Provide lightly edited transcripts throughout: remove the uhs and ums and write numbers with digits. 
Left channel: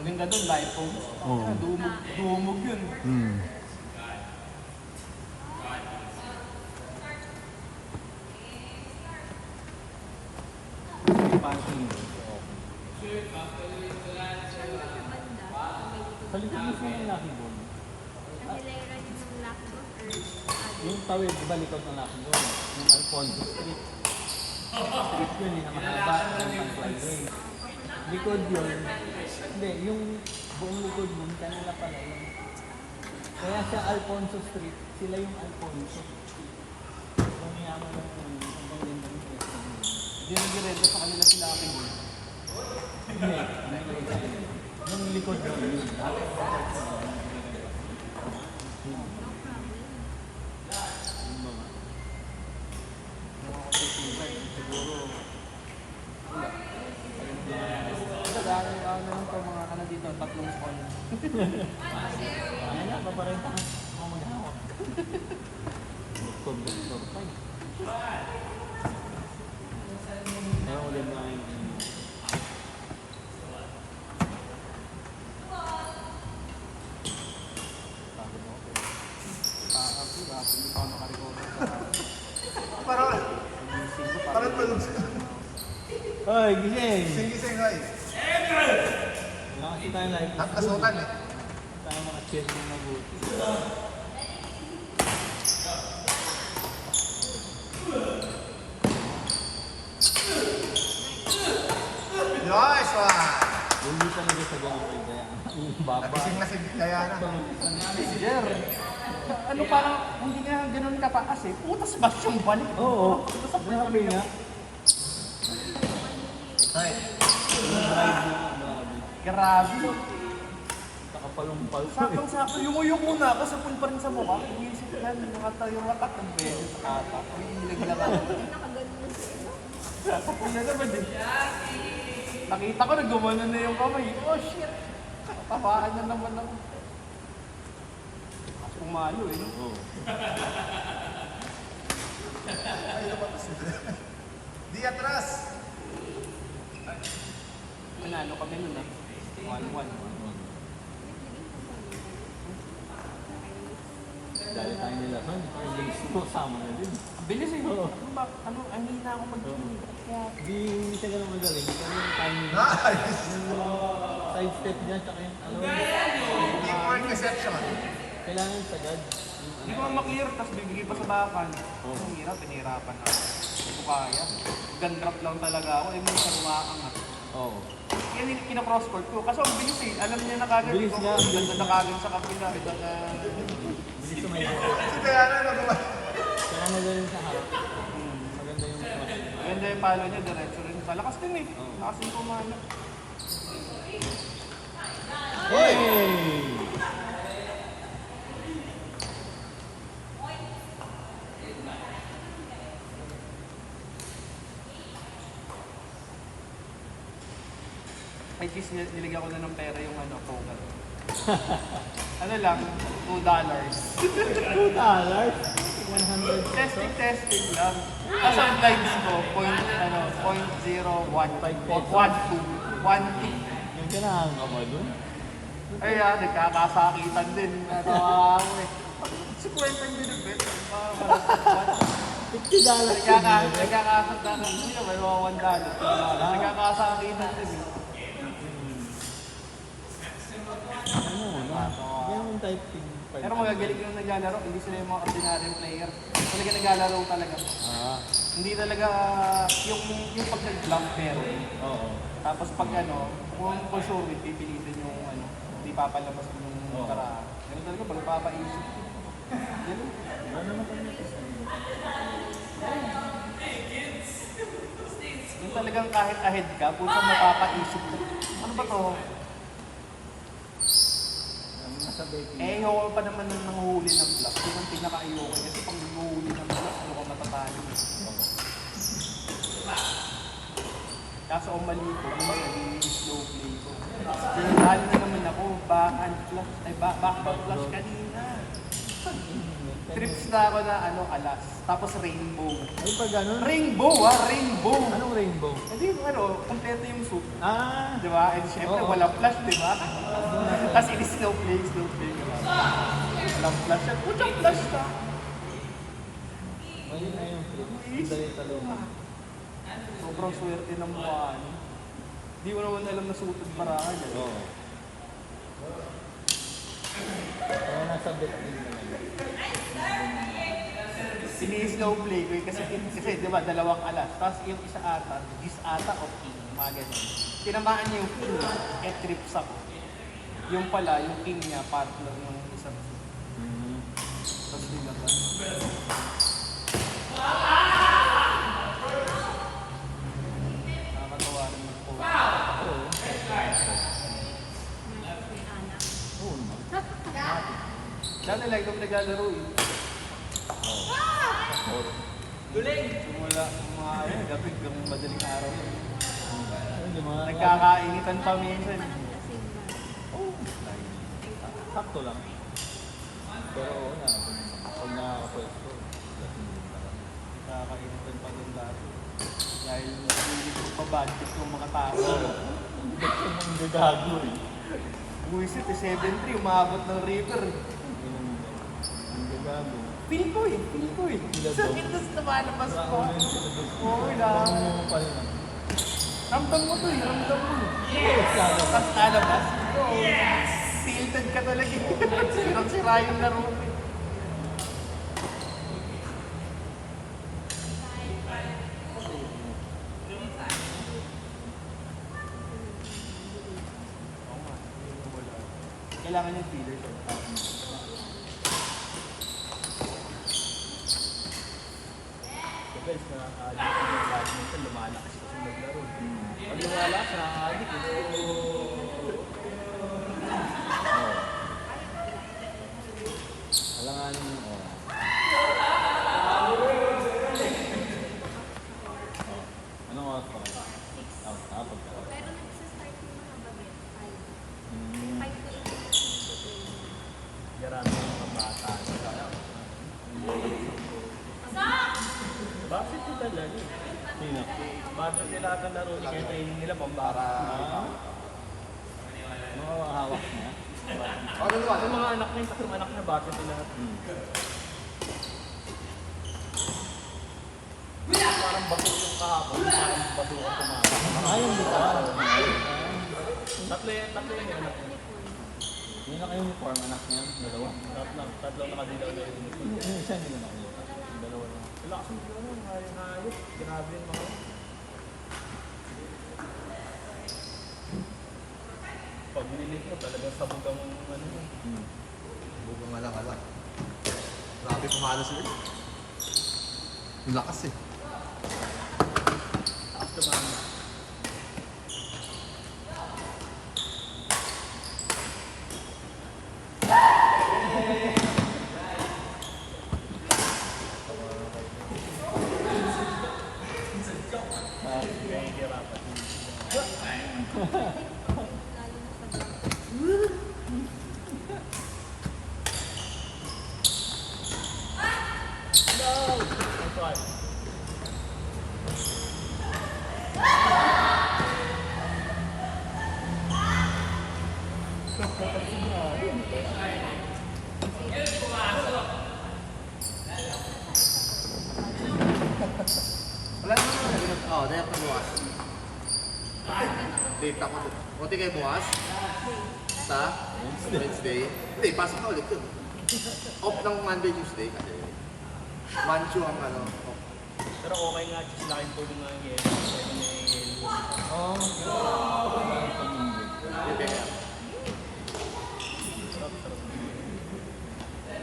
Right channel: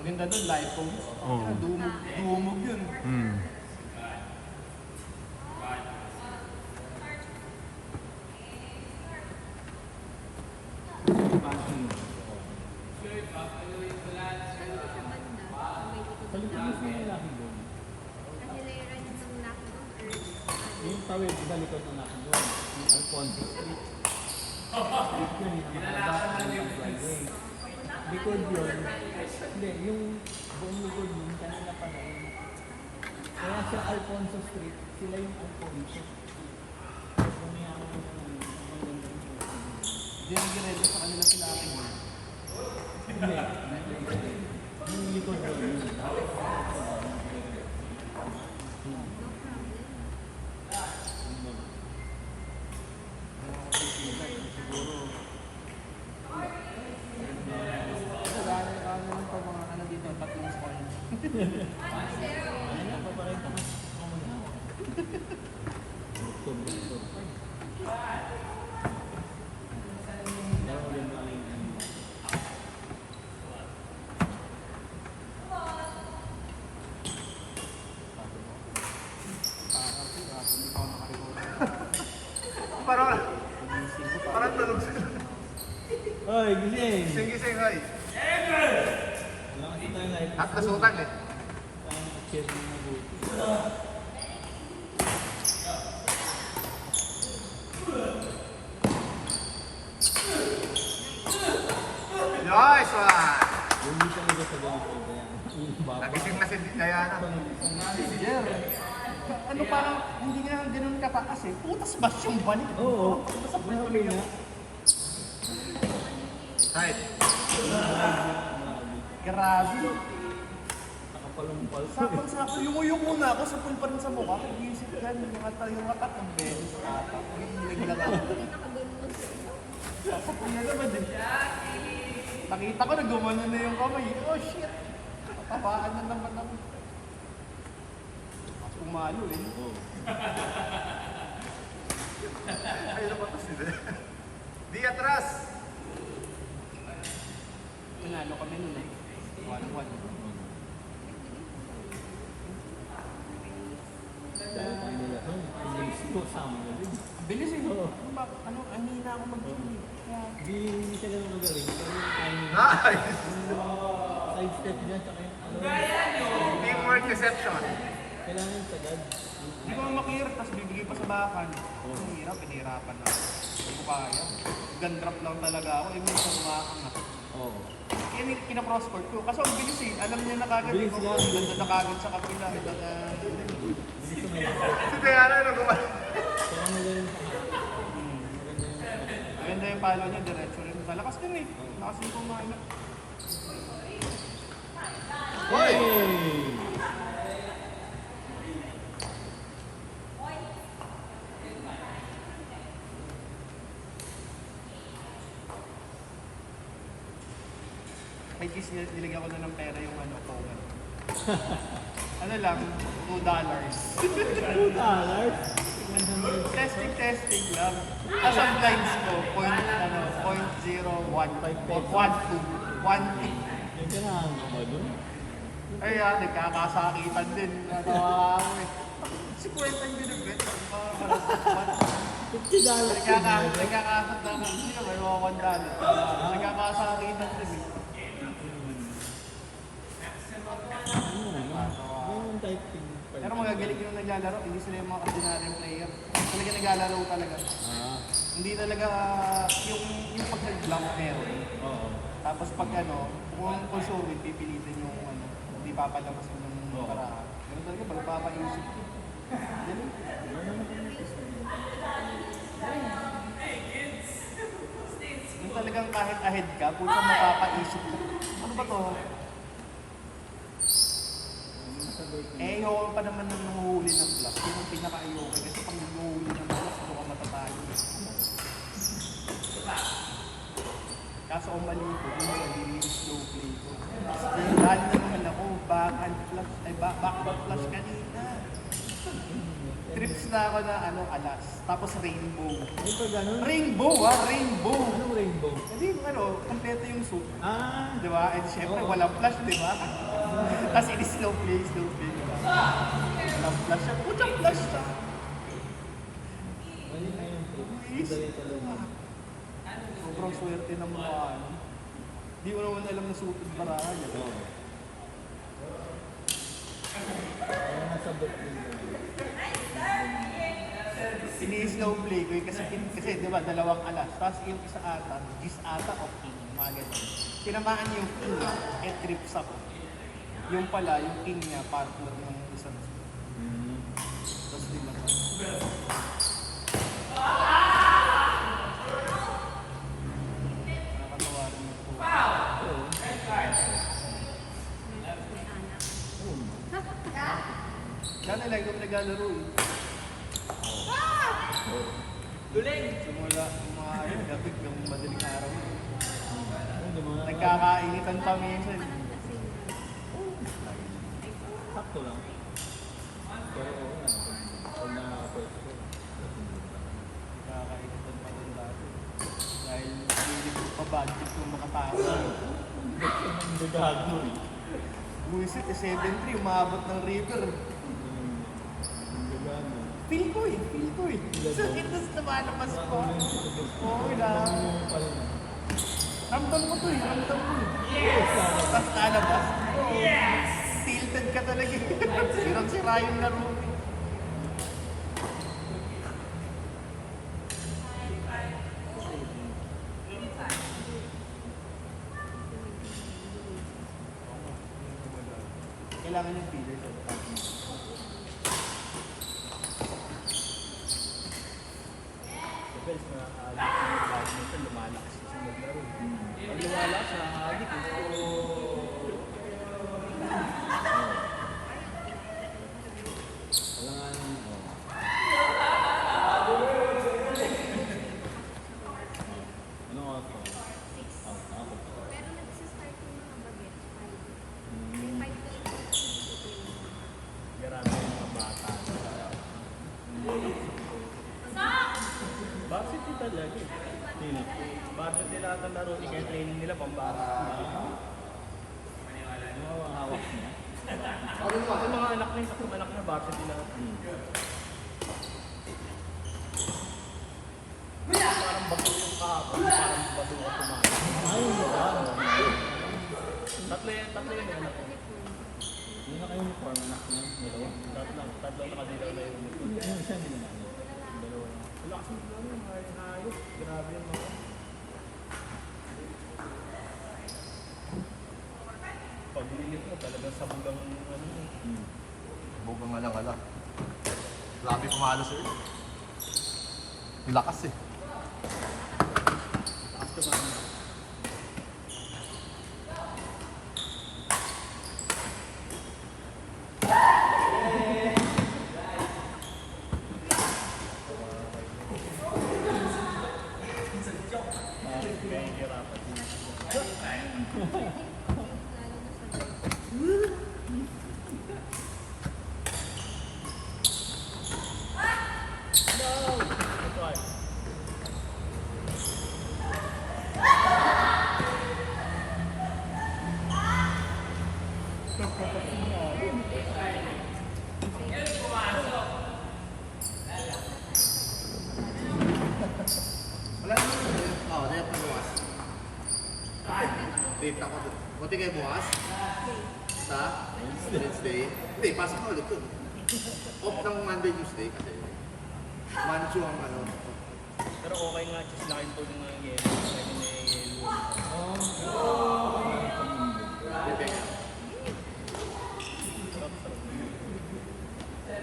Ang ganda doon, live phone. Oo. Dumog yun. Palitan mo siya yung Lucky Ball. Yung tawid, di ba likod ng Lucky Ball? Yung Alfonso Street. Street yun, likod yun. Hindi, yung buong likod yun, kanila pala yun. Kaya siya Alfonso Street, sila yung Alfonso. Kung yan ang ganda ng pwesto. Hindi nag-redo sa kanila sila akin. Hindi, yung likod yun. Parang tulog sila. Hoy, gising! Gising-gising, hoy. Wala kasi tayong live. At pasukan eh. Tayo naka-cheer ng mabuti. Nice one! Hindi talaga sa ganito. Yung baba. Nagising na si Diana. Ano parang hindi nga ganun kataas eh. Putas ba siyang balik? Oo. Grabe nga. Right. Grabe. Nakapalumpal. Sakto-sakto. Yung muna ako sa pa rin sa mukha. Nag-iisip ka, nakatayo ka at beses. Naglag ako. Ang naman din. Nakita ko, nagumano na yung kamay. Oh shit! Tabaan na naman ako. Umalo eh. Oo. Ay, lumatas sila. Di atras! Manalo kami nun eh. 1-1. Dahil tayo nila doon. Ang games ko, sama na din. Bilis eh. Oo. Ang hina ako mag-game. Hindi siya ganun magaling. Pero yung timing. Nice! Yung side step niya, tsaka yung ano. Teamwork deception. Kailangan sagad. Hindi mo makihirap, tapos bibigay pa sa bakan. Ang hirap, pinihirapan na. Hindi ko kaya. Gun drop lang talaga ako. Yung mga sumakan na. Oo. Yan yung kina-crosscourt ko. Kasi ang bilis eh. Alam niya na kagad. Bilis nga, ang bilis na kagad sa kapila. Bilis sa may Si Diana nagumano. Kaya magaling sa hat. Maganda yung Maganda yung palo niya. Diretso rin. Malakas din eh. Malakas yung kumana. Hoy! May kiss niya, nilagyan ko na ng pera yung ano, token. Ano lang, $2. $2? 100. Testing lang. As ang lines ko, .01, 1.2. Yung kailangan ka ba dun? Ay, nagkakasakitan din. Si Kwenta yung binibit. $50 Nagkakasakitan din siya, pero $1. Nagkakasakitan din. Ganun type thing. Pero magagaling yung naglalaro, hindi sila yung mga ordinaryong player. Talaga naglalaro talaga. Hindi talaga yung pag nag-blank pero. Oo. Tapos pag ano, kung solid, pipilitin yung ano, hindi papalabas yung karaan. Ganun talaga, pag papaisip. Ganun. Yung talagang kahit ahead ka, kung saan mapapaisip mo. Ano ba to? Eh, ayoko pa naman yung nanguhuli ng block. Yun ang pinaka-ayoko. Kasi pag nanguhuli ng block, ano ka matatalo. Kaso ang mali ko, yung slow play ko. Pinatalo na naman ako, backhand flush, ay backhand flush kanina. Trips na ako na alas. Tapos rainbow. Ay, pag ganun? Rainbow Rainbow! Anong rainbow? Hindi, ano, kompleto yung suit. Ah, Di ba? And syempre, Oo. walang flash, di ba? Tapos ini-slow play, slow play. Walang flash siya. Walang flash siya. mali na yung trip. Madali talon. Sobrang swerte ng mga ano. Di mo naman alam na suited Barangan. Oo. Kaya masabit din naman. Sini-slow play ko kasi di ba, dalawang alas. Tapos yung isa ata, gis ata o king, mga ganun. Tinamaan niya yung king niya, kaya trips up. Yung pala, yung king niya, partner ng isang. Tapos dinaba. Nakakatawa rin yung po. Oo naman. Dati like yung naglalaro eh. Simula yung mga gabi, ganun madaling araw. Ayun, yung mga- Nagkakainitan pa minsan. Sakto lang. Pero oo nga. Pag nakakapwesto. Nagkakainitan pa rin dati. Dahil hindi ko pa budget ng mga tao. Ang gagago eh. Buwisit eh, 7-3, umabot ng river. Ang gagago. Feel ko eh. Sakit na sa lumalabas ko. Okay lang. Ramdam mo to eh, ramdam mo. Tapos nalabas. Tilted ka talaga eh. Sirang-sira yung laro. Kailangan yung feeder siya. Depends na lumalakas siya sa maglaro. Pag lumalakas siya, halik. Alanganin mo. Anong oras pa? Ako pa. Pero nagsistart mo ng gabi. Hmm. 5 to 8. Garami yung bata. Varsity talaga eh. Sino? Bata nila ata laro, kaya training nila pambara. Ano ang hawak mo? Ano naman? Ano mga anak na yung anak na bata nila. Parang bakit yung kahapon, parang bato ko na. Ayun ba? Tatlo yan yung anak ko. Yung naka-uniform, anak niya, dalawa. Tatlong kanila na yung Yung isa hindi na nakita. Yung dalawa lang. wala kasi mo naman, ayos. Grabe yung mga. Paglilit mo talagang sabugang ano. Bubong na lang, hala. Grabe pumalo sila. Yung lakas eh. Gusto mo ano. Wala naman. Oo, dahil ako bukas. Date ako doon. Kunti kayo bukas? Sa Wednesday? Hindi, pasok ka ulit doon. Off ng Monday, Tuesday kasi. Manchu ang ano. off. Pero okay nga, just lakin po yung mga ngayon.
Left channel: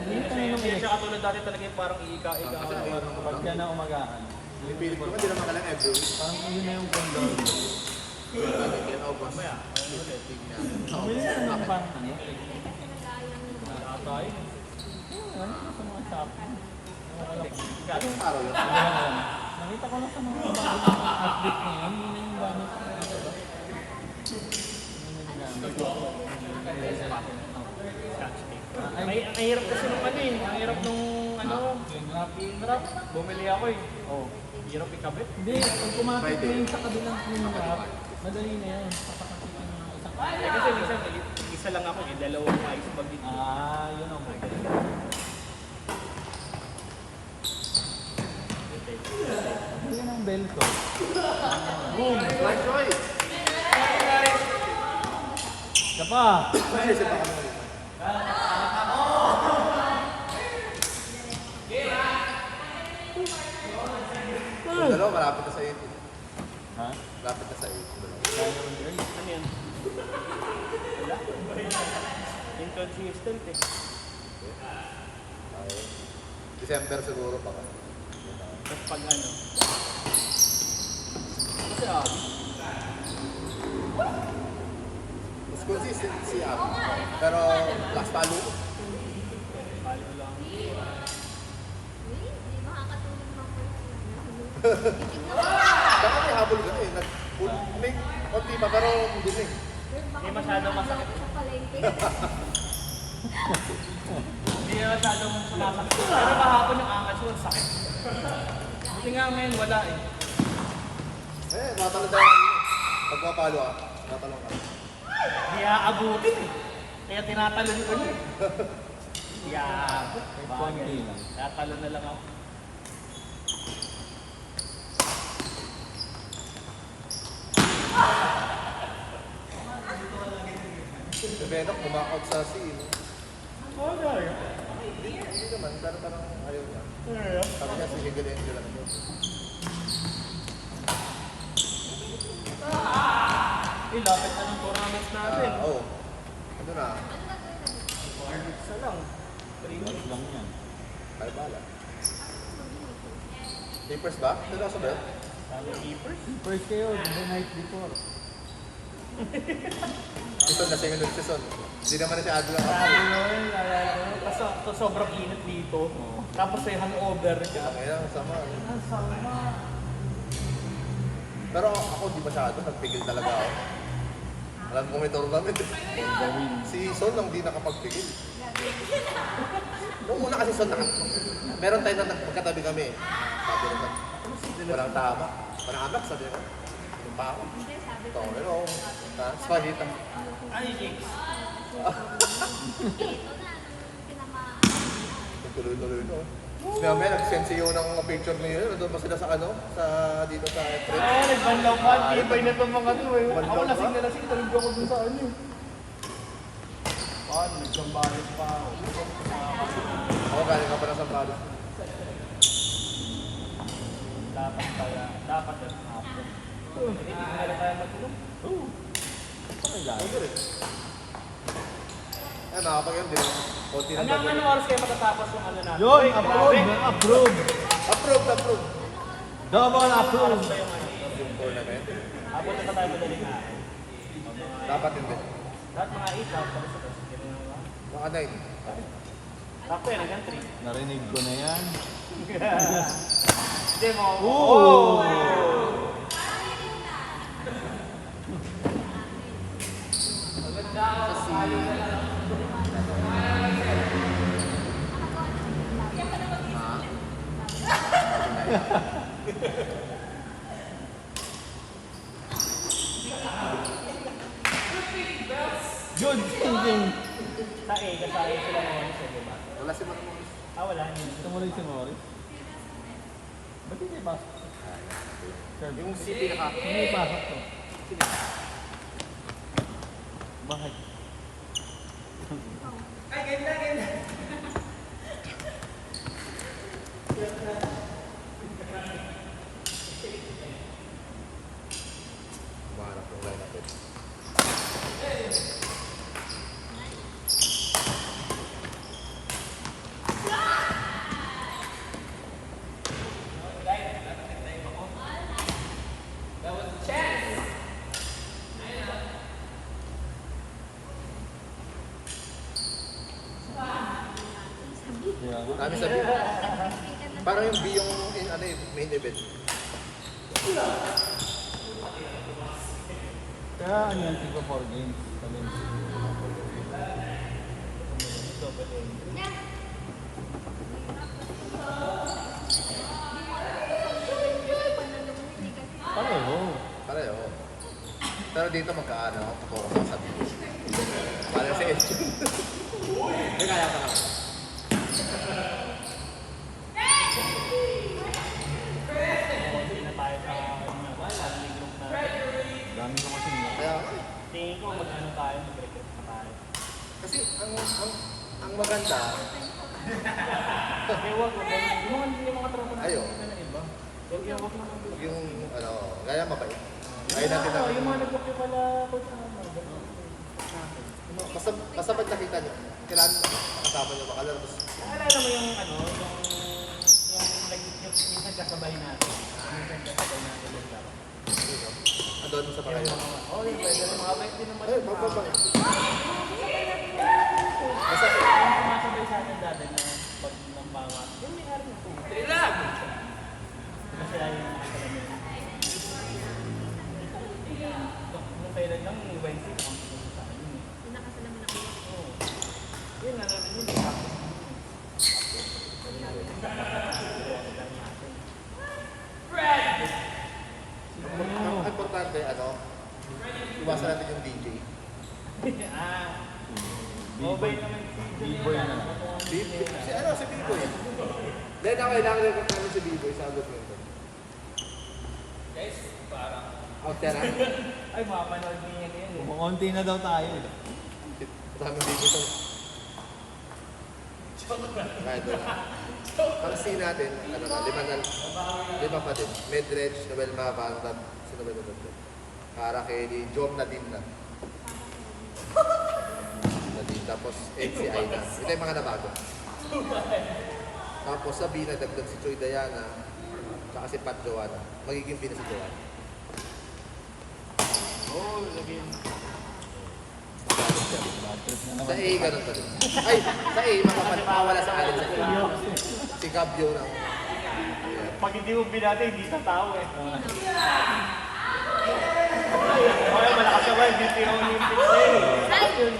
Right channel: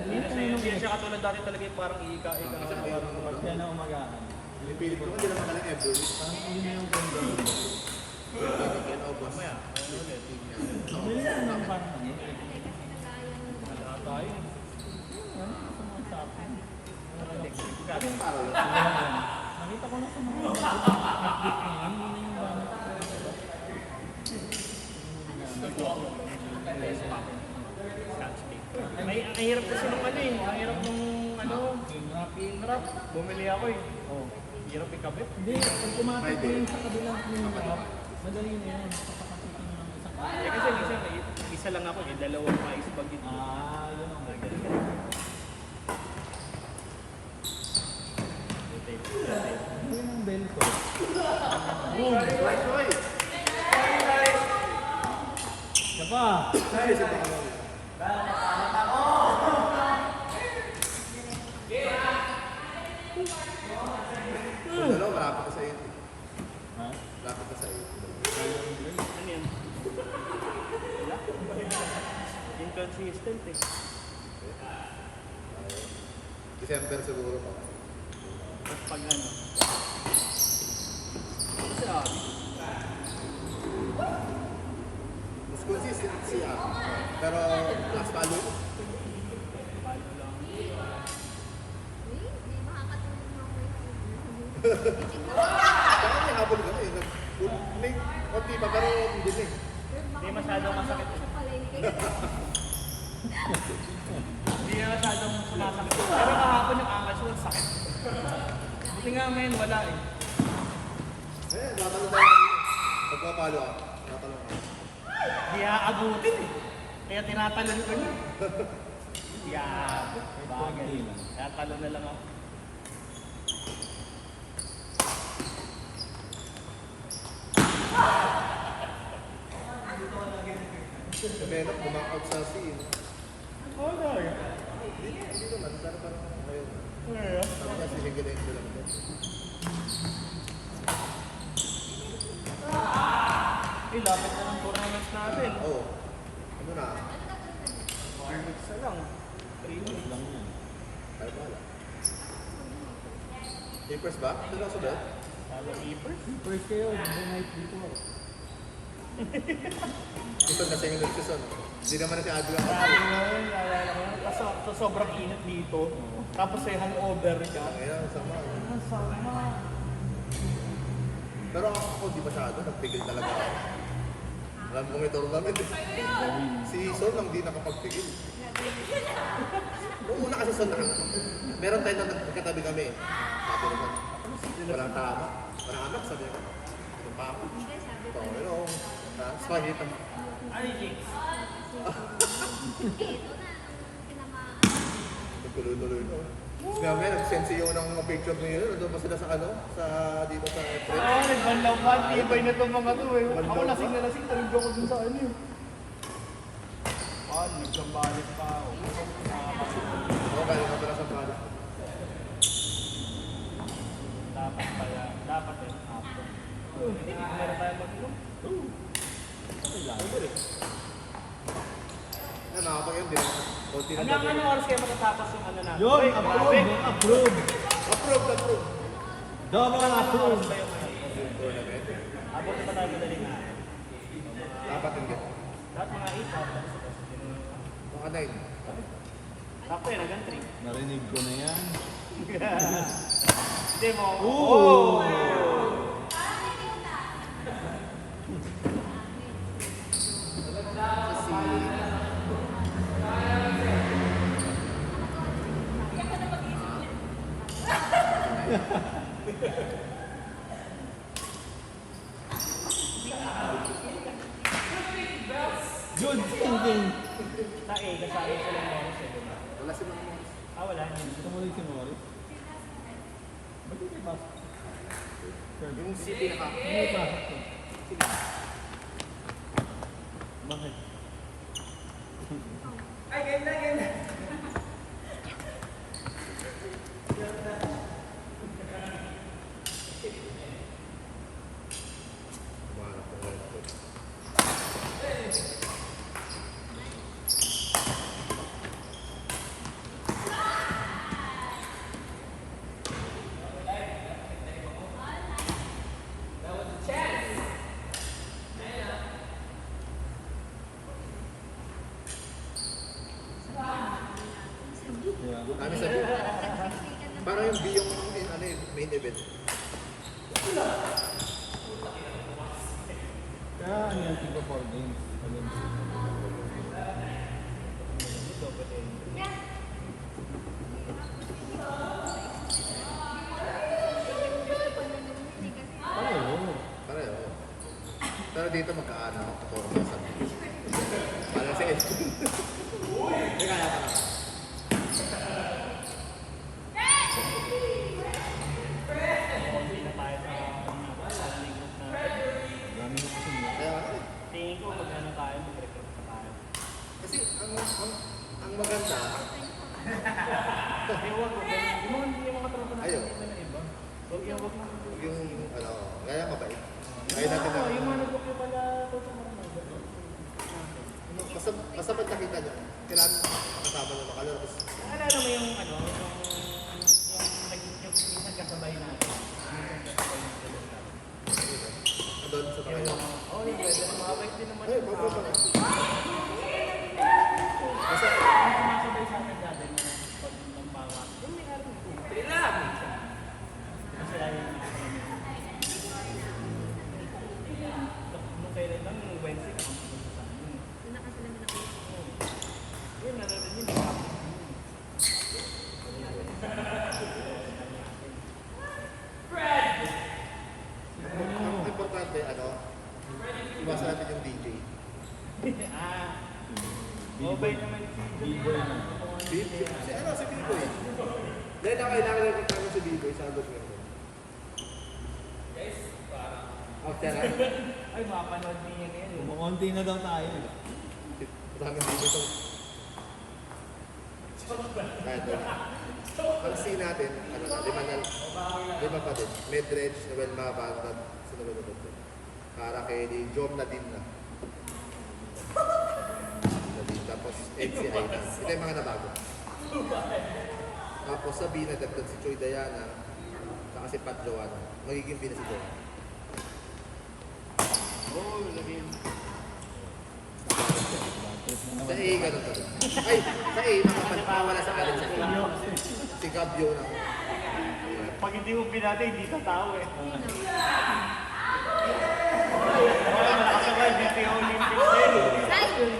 Hindi, Hindi siya katulad dati talaga yung parang ika-ika. kasi ayun ang Pag siya na umagahan. Pinipilit ko, hindi naman talaga every week. Parang yun na yung ganda. Kaya August. Hindi na parang ano. Tayo. Ano sa mga shopping? Ano yung araw yun? Nakita ko na sa mga update niya. Yun yung gamit. Ang hirap kasi nung ano eh. Ang hirap nung ano. Yung rap. Bumili ako eh. Oh. Hirap ikabit. Hindi, pag pumatok na yung sa kabilang pinaka, madali na yan. Kasi minsan, isa lang ako eh, dalawang ice bag dito. Yun ang magaling. Yun ang bell ko. Right, right. Isa pa. Ay, isa pa kami. Yung dalawa, malapit na sa 8. Ha? Malapit na sa 8. Ano yan? Wala. Inconsistent eh. December siguro pa. Tapos pag ano. Isa. Mas consistent siya. Pero last talo. Baka may habol ka na eh. May konti pa pero hindi na eh. Hindi masyadong masakit. Hindi masyadong masakit. Pero kahapon ng angas yun, sakit. Kasi nga ngayon wala eh. Tatalo tayo. Pagpapalo ka. Tatalo ka. Hindi aabutin eh. Kaya tinatalon ko niya. Hindi aabot. Konti lang. Tatalo na lang ako. Si Benok, bumakot sa scene. Okay. Hindi naman. Sana parang ayaw na. Sabi niya si Higel lang ito. Eh, lapit na ng tournaments natin. Oo. Ano na? 4 weeks na lang. 3 weeks. Lang yan. Kaya pala. Papers ba? Dito ako sa bed? Sabi keepers. First kayo, the night before. Ito na sa season. Hindi naman na si Adrian ako. Kasi sobrang init dito. Tapos ay hangover ka. Kaya masama. Pero ako di masyado. Nagpigil talaga ako. Alam ko may tournament. Si Son lang di nakapagpigil. Noong una kasi Son meron tayo na nagkatabi kami. Sabi naman, parang tama. Parang anak sabi ko. Yung pa ako. Ito, pero spaghetti. Ano yung Jinx? Tuloy-tuloy na. Tapos may nag-send siyo ng mga picture niyo. Nandun pa sila sa ano? Sa dito sa trip. Ay, nagbanlaw pa. Tibay na itong mga to eh. Ako Banlaw lasing pa? na lasing. Talog ako dun sa ano eh. Nagsambalit pa ako. Ako galing ka pa na sa Prado. Dapat pala. Dapat pala. Hindi na tayo mag-group. Ay, nakapag yun din. Konti na Hanggang ba? anong oras kayo matatapos yung ano natin? Yun! Wait, Approve! Approve! Approve, approve. Double approve! Yung tournament. Abot na tayo madaling na. Dapat hindi. Lahat mga 8 tapos Baka 9. Sakto yan, hanggang 3. Narinig ko na yan. Hindi mo. Oh! Good thinking! Sa A, kasama sila na yung second. Wala silang Wala. Ito mo rin si Morris. Ba't hindi pasok? Third. yung city na Hindi pasok ko. Bakit? Ay, ganda, ganda. Mahanap ko na natin. Kaya ba? Dami sabi. Parang yung B yung ano, yung main event. Kaya ano yung tiga 4 games? dito magkaano, puro sa para sa edge. Hindi kaya ka naman. Dami na kasi niya. Kaya nga eh. Tingin ko ano tayo, break-up pa tayo. Kasi ang maganda, Ewan ko, yung hindi makatrabaho na ayo, ng iba. yung ano, kaya mabait. Kaya natin na, Yung mga nagpo pala ako sa kasabad nakita niyo, kailangan kasama niyo makala, tapos Alala mo yung ano, yung minsan kasabay na. Minsan kasabay na. andun sa pakayo. Okay, pwede na makapag din naman. Ay, baka ba? Kasabay sa atin dati na pag mambawa. Yung may araw ko. Relax! Masaya yung nung kailan lang, nung Wednesday, sa akin yun. Yung nakasalamin ako. Yun, nararin yun. Ang importante, ano, iwasan natin yung DJ. Mobile naman si B-boy na. Si ano, si B-Boy. Dahil kailangan yung kami si B-Boy sa agad ngayon. Guys, parang... Out yan ah. Ay, makapanood din niya yan. Kumakonti na daw tayo. Kasama dito ito. Kahit wala. Ang scene natin, ano na, lima pa din. Medredge, Noel Macaparat, sa Noel Macaparat. Para kay Job Nadine na. Nadine, tapos MC Aina. Ito yung mga nabago. Tapos sa B, nagdagdag si Choy Diana, saka si Pat Joanna. Magiging B na si Joanna. Sa A, ganun pa rin. Ay, sa A, mawala sa akin sa A. Si Gabio na. Pag hindi mo binati, hindi sa tao eh. Nakasabay, hindi yung Olympics eh.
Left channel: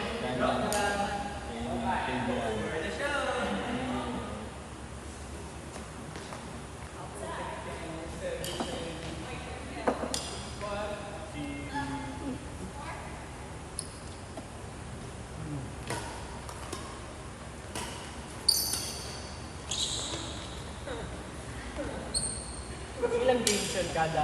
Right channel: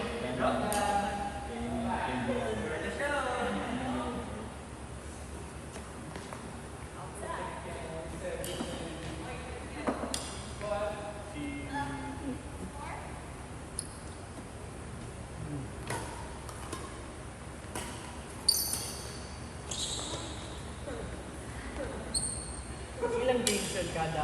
Ilang games yan kada?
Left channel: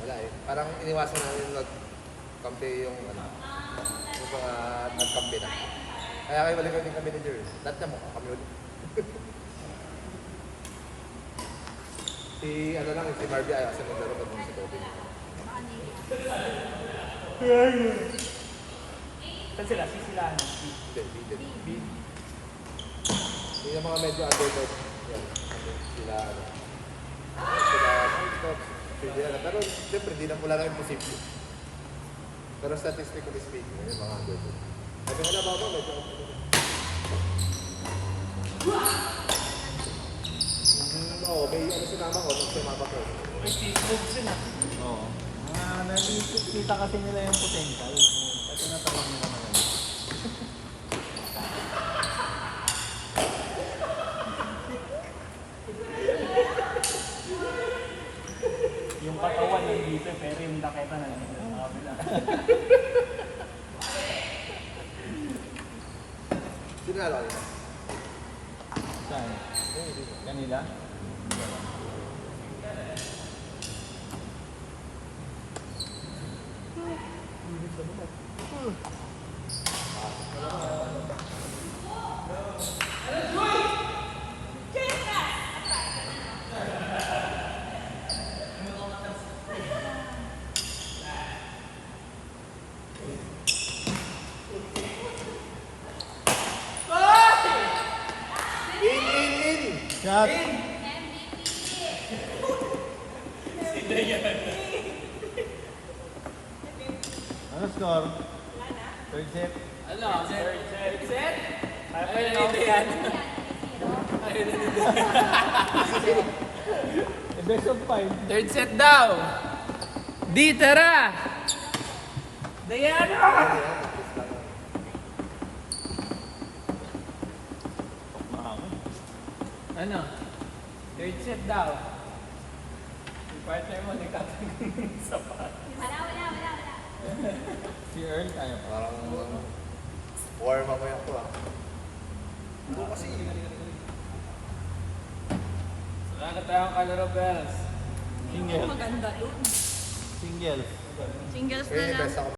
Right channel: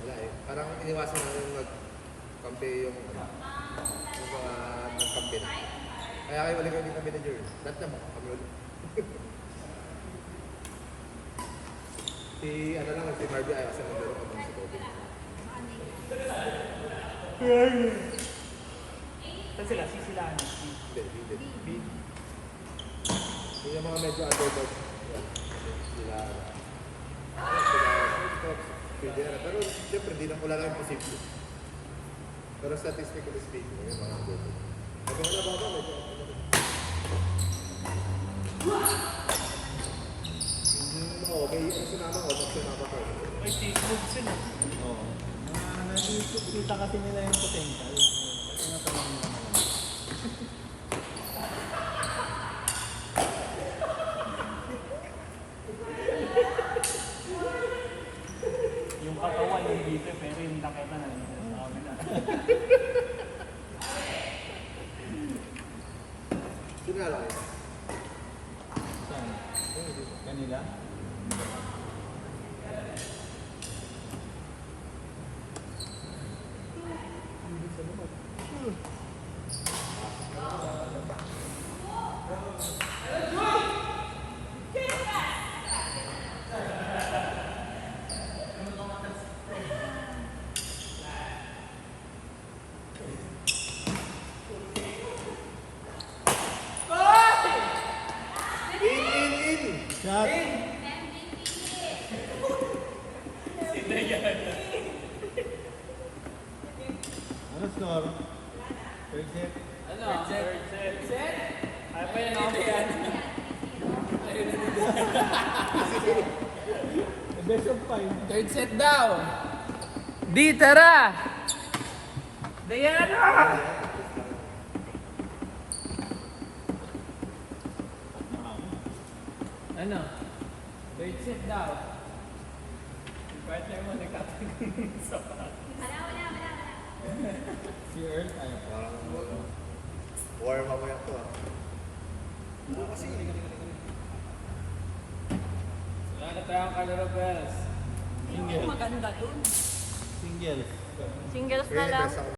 Wala eh. Parang iniwasan namin nag-kampi yung ano. Yung mga nag-kampi na. Kaya kayo balik yung kampi na Jerry. Lahat naman, kami ulit. Si ano lang, si Marvy ay asa nagdaro pa dun si Toby. Saan sila? Sisilaan. Hindi. Yung mga medyo underdog. Sila ano. Sila pero siyempre hindi lang wala lang imposible. Pero statistically speaking, yung mga underdog. Sabi nga na ba medyo oo, may ano sinama ko, pag sumama ko. May Facebook sila. Oo. Nakikita kasi nila yung potential. Kasi natawag nila naman. Yung katawan yung dito, pero yung nakita na lang sa kabila. Sino nga lang? Saan? Kanila? In! Shot! Ano score? Third set? Ano? Third set? Ay, nanito yan. Ay, nanito. Best of 5. Third set daw. Di, tara! Diana! Ano? Third set daw. Yung partner mo nagtatanggol sa Wala. Si Earl tayo. Parang war mamaya to ah. Hindi kasi. Wala tayong kalaro bells. Single. Maganda to. Single. Singles na Kaya lang. best ako